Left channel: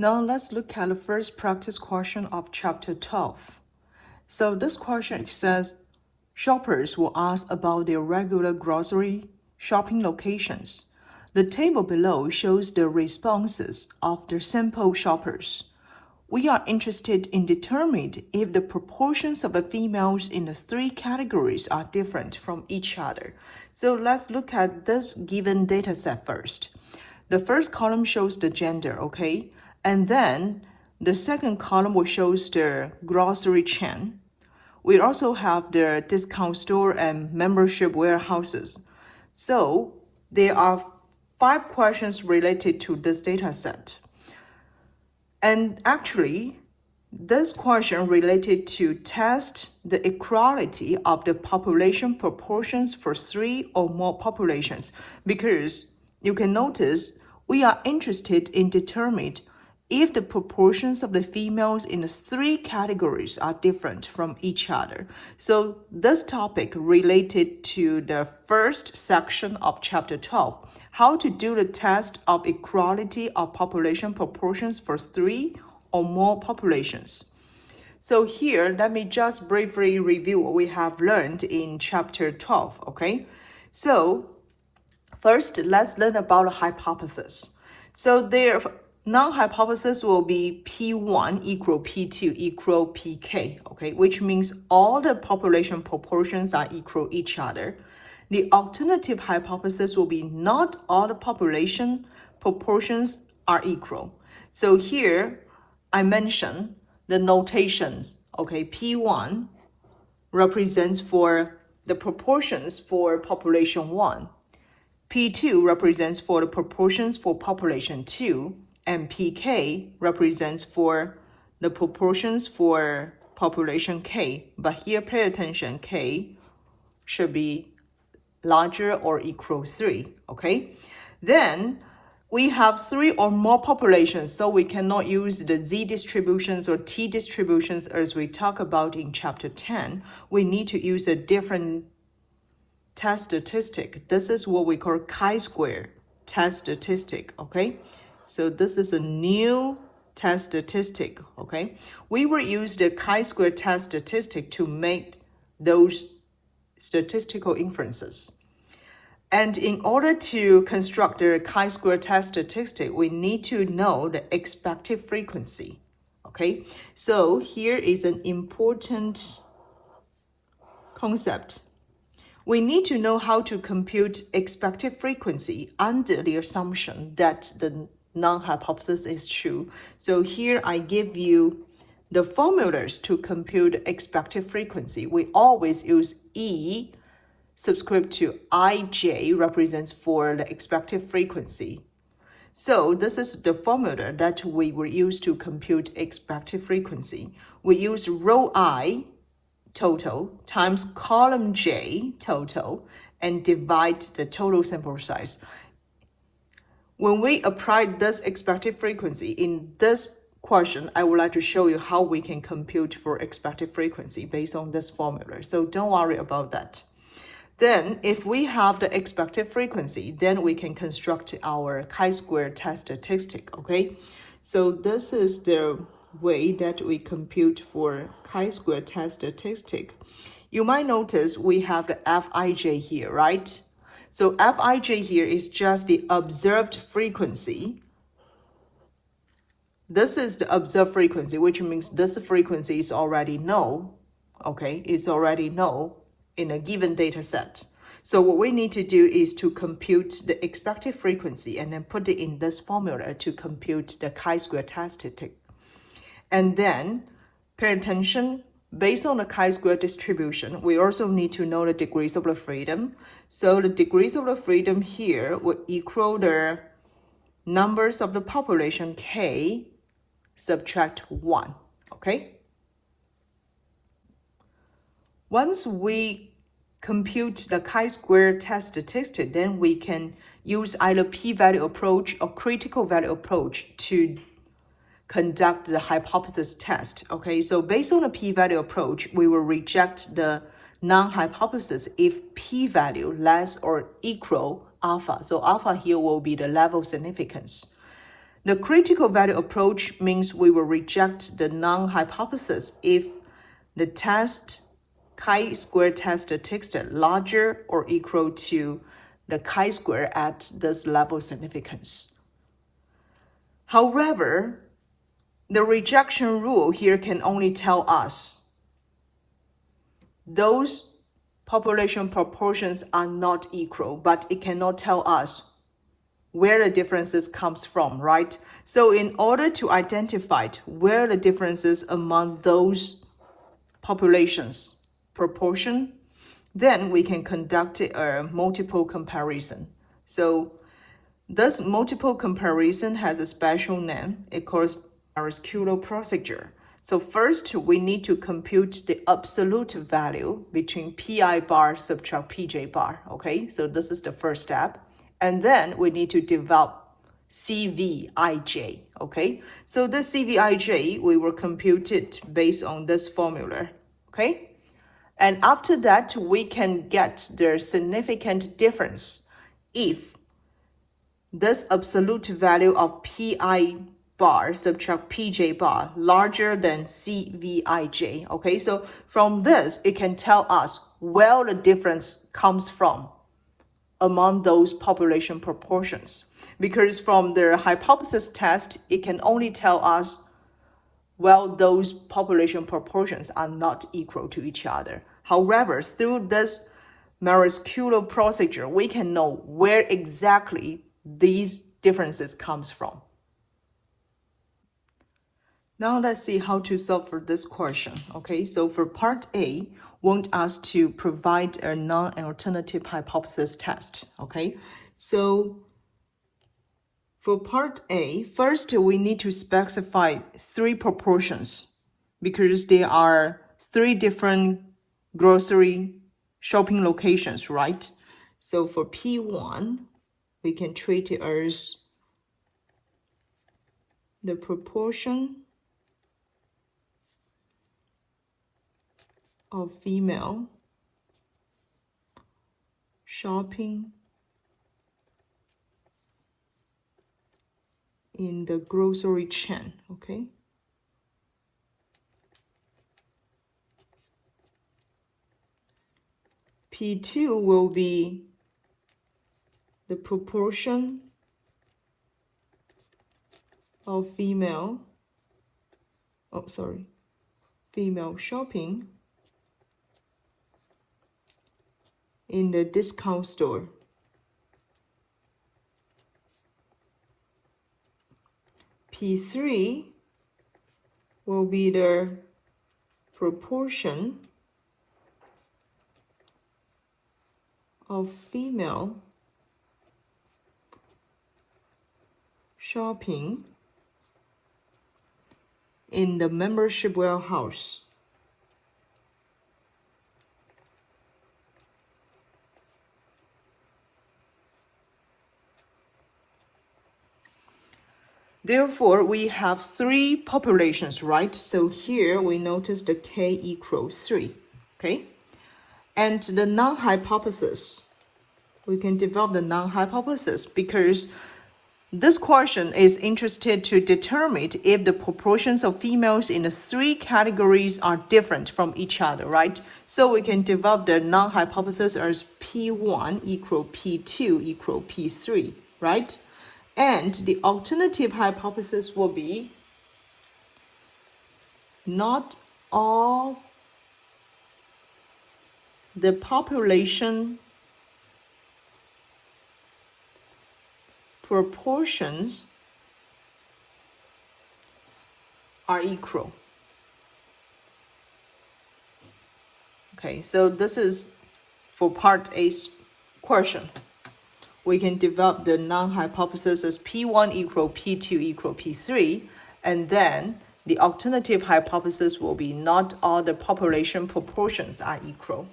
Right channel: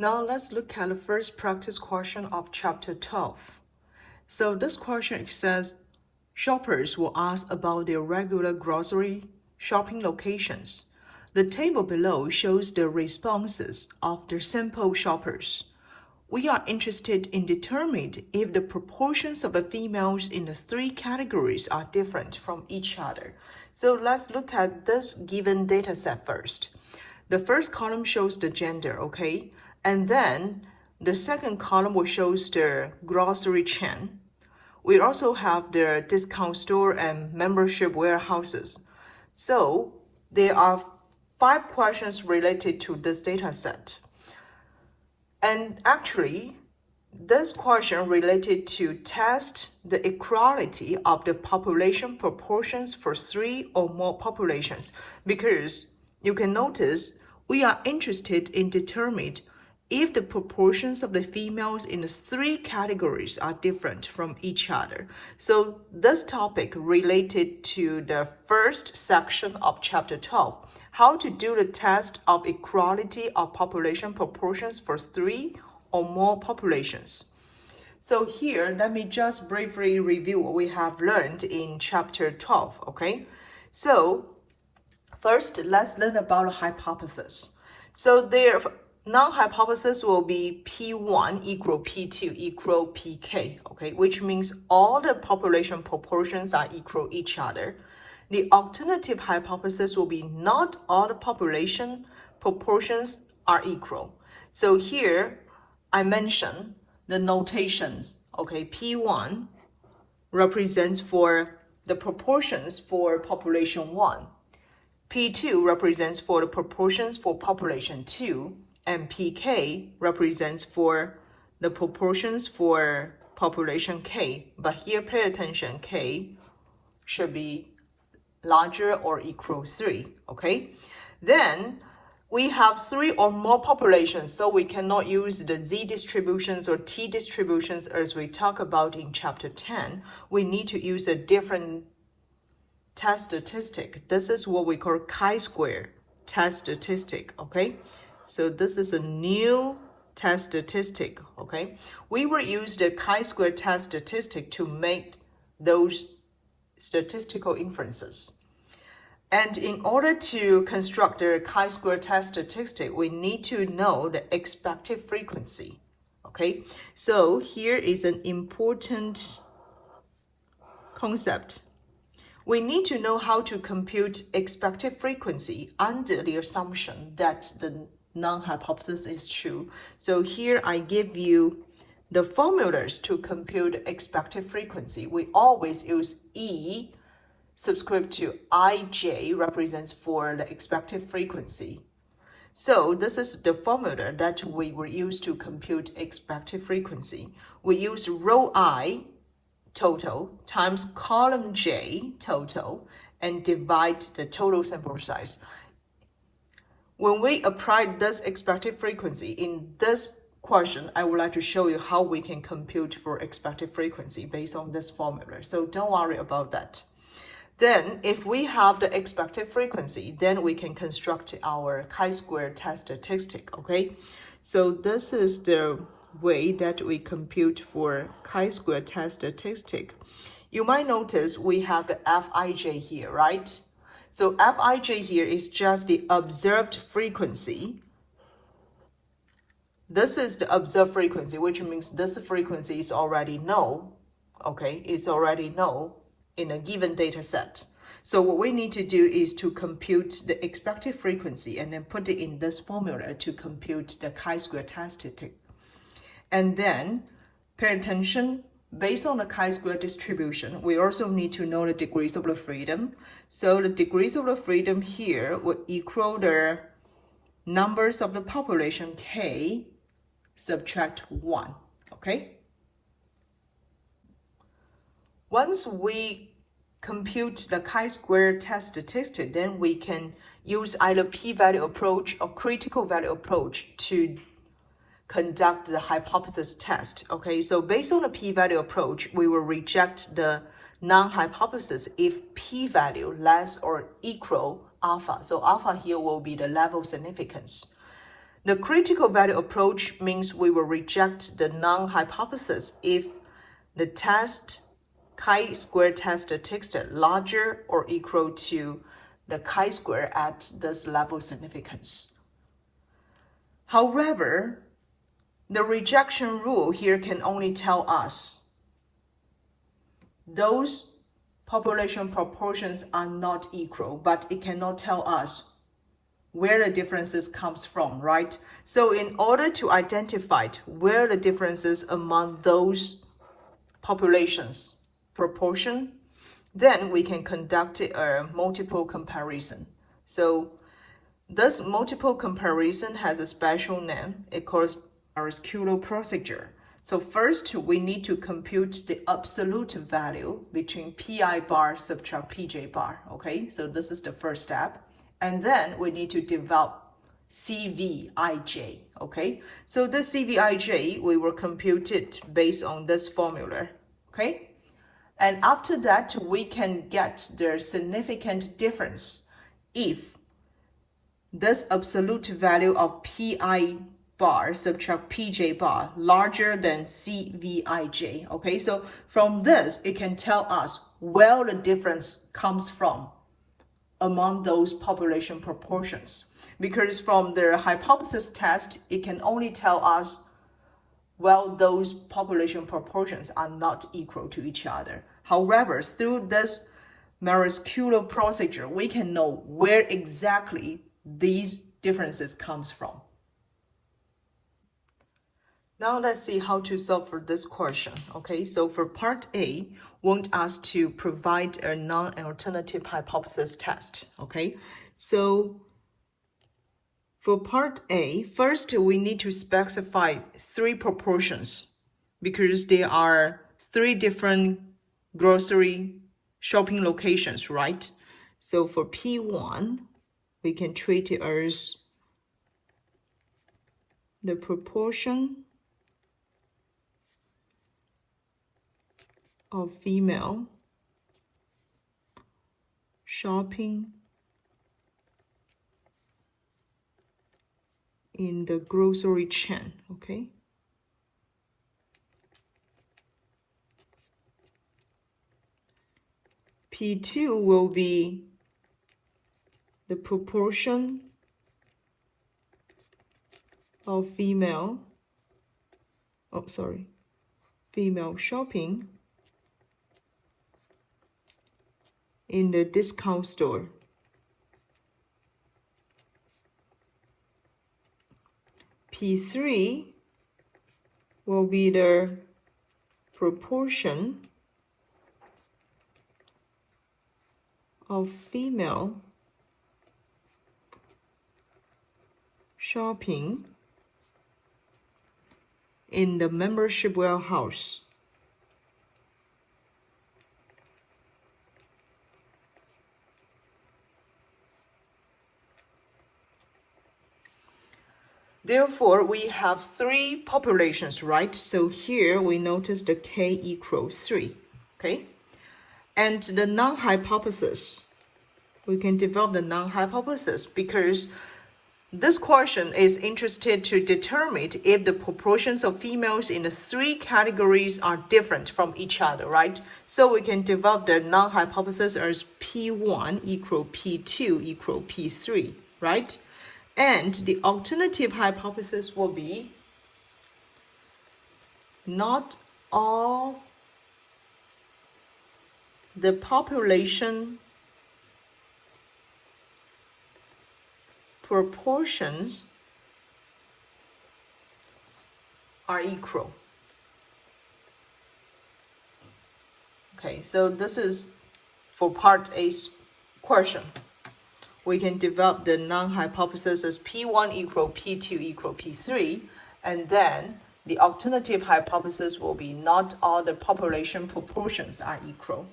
Now let's look at the first practice question of chapter 12. So this question says, shoppers will ask about their regular grocery shopping locations. The table below shows the responses of the sample shoppers. We are interested in determining if the proportions of the females in the three categories are different from each other. So let's look at this given data set first. The first column shows the gender, okay? And then the second column will show the grocery chain. We also have the discount store and membership warehouses. So there are 5 questions related to this data set. And actually, this question related to test the equality of the population proportions for 3 or more populations, because you can notice we are interested in determining if the proportions of the females in the 3 categories are different from each other. So this topic related to the first section of chapter 12, how to do the test of equality of population proportions for 3 or more populations. So here, let me just briefly review what we have learned in chapter 12, okay? So first, let's learn about a hypothesis. So their null hypothesis will be P1 equal P2 equal PK, okay, which means all the population proportions are equal each other. The alternative hypothesis will be not all the population proportions are equal. So here, I mentioned the notations, okay, P1 represents for the proportions for population 1. P2 represents for the proportions for population 2, and PK represents for the proportions for population K. But here, pay attention, K should be larger or equal 3, okay? Then we have 3 or more populations, so we cannot use the Z distributions or T distributions as we talk about in chapter 10. We need to use a different test statistic. This is what we call chi-square test statistic, okay? So this is a new test statistic, okay? We will use the chi-square test statistic to make those statistical inferences. And in order to construct the chi-square test statistic, we need to know the expected frequency, okay? So here is an important concept. We need to know how to compute expected frequency under the assumption that the null hypothesis is true. So here I give you the formulas to compute expected frequency. We always use E subscript to IJ represents for the expected frequency. So this is the formula that we will use to compute expected frequency. We use row I total times column J total and divide the total sample size. When we apply this expected frequency in this question, I would like to show you how we can compute for expected frequency based on this formula. So don't worry about that. Then if we have the expected frequency, then we can construct our chi-square test statistic, okay? So this is the way that we compute for chi-square test statistic. You might notice we have the Fij here, right? So Fij here is just the observed frequency. This is the observed frequency, which means this frequency is already null, okay? It's already null in a given data set. So what we need to do is to compute the expected frequency and then put it in this formula to compute the chi-square test statistic. And then pay attention, based on the chi-square distribution, we also need to know the degrees of the freedom. So the degrees of the freedom here will equal the numbers of the population K subtract 1, okay? Once we compute the chi-square test statistic, then we can use either p-value approach or critical value approach to conduct the hypothesis test, okay? So based on the p-value approach, we will reject the non-hypothesis if p-value less or equal alpha. So alpha here will be the level significance. The critical value approach means we will reject the null hypothesis if the chi-square test statistics are larger or equal to the chi-square at this level of significance. However, the rejection rule here can only tell us those population proportions are not equal, but it cannot tell us where the differences comes from, right? So in order to identify where the differences among those populations proportion, then we can conduct a multiple comparison. So this multiple comparison has a special name. It calls Aristotle procedure. So first, we need to compute the absolute value between pi bar subtract pj bar, okay? So this is the first step. And then we need to develop CVIJ, okay? So the CVIJ, we will compute it based on this formula, okay? And after that, we can get the significant difference if this absolute value of pi bar subtract pj bar larger than CVIJ, okay? So from this, it can tell us where the difference comes from among those population proportions. Because from the hypothesis test, it can only tell us, well, those population proportions are not equal to each other. However, through this Maritzkulo procedure, we can know where exactly these differences comes from. Now let's see how to solve for this question. Okay, so for part A, want us to provide a non-alternative hypothesis test. Okay, so for part A, first we need to specify 3 proportions because there are 3 different grocery shopping locations, right? So for P1, we can treat it as the proportion of female shopping in the grocery chain, okay? P2 will be the proportion of female shopping in the discount store. P3 will be the proportion of female shopping in the membership warehouse. Therefore, we have 3 populations, right? So here we notice the k equals 3, okay? And the null hypothesis, we can develop the null hypothesis because this question is interested to determine if the proportions of females in the 3 categories are different from each other, right? So we can develop the null hypothesis as P1 equal P2 equal P3, right? And the alternative hypothesis will be not all the population proportions are equal. Okay, so this is for part A's question. We can develop the null hypothesis as P1 equal P2 equal P3, and then the alternative hypothesis will be not all the population proportions are equal.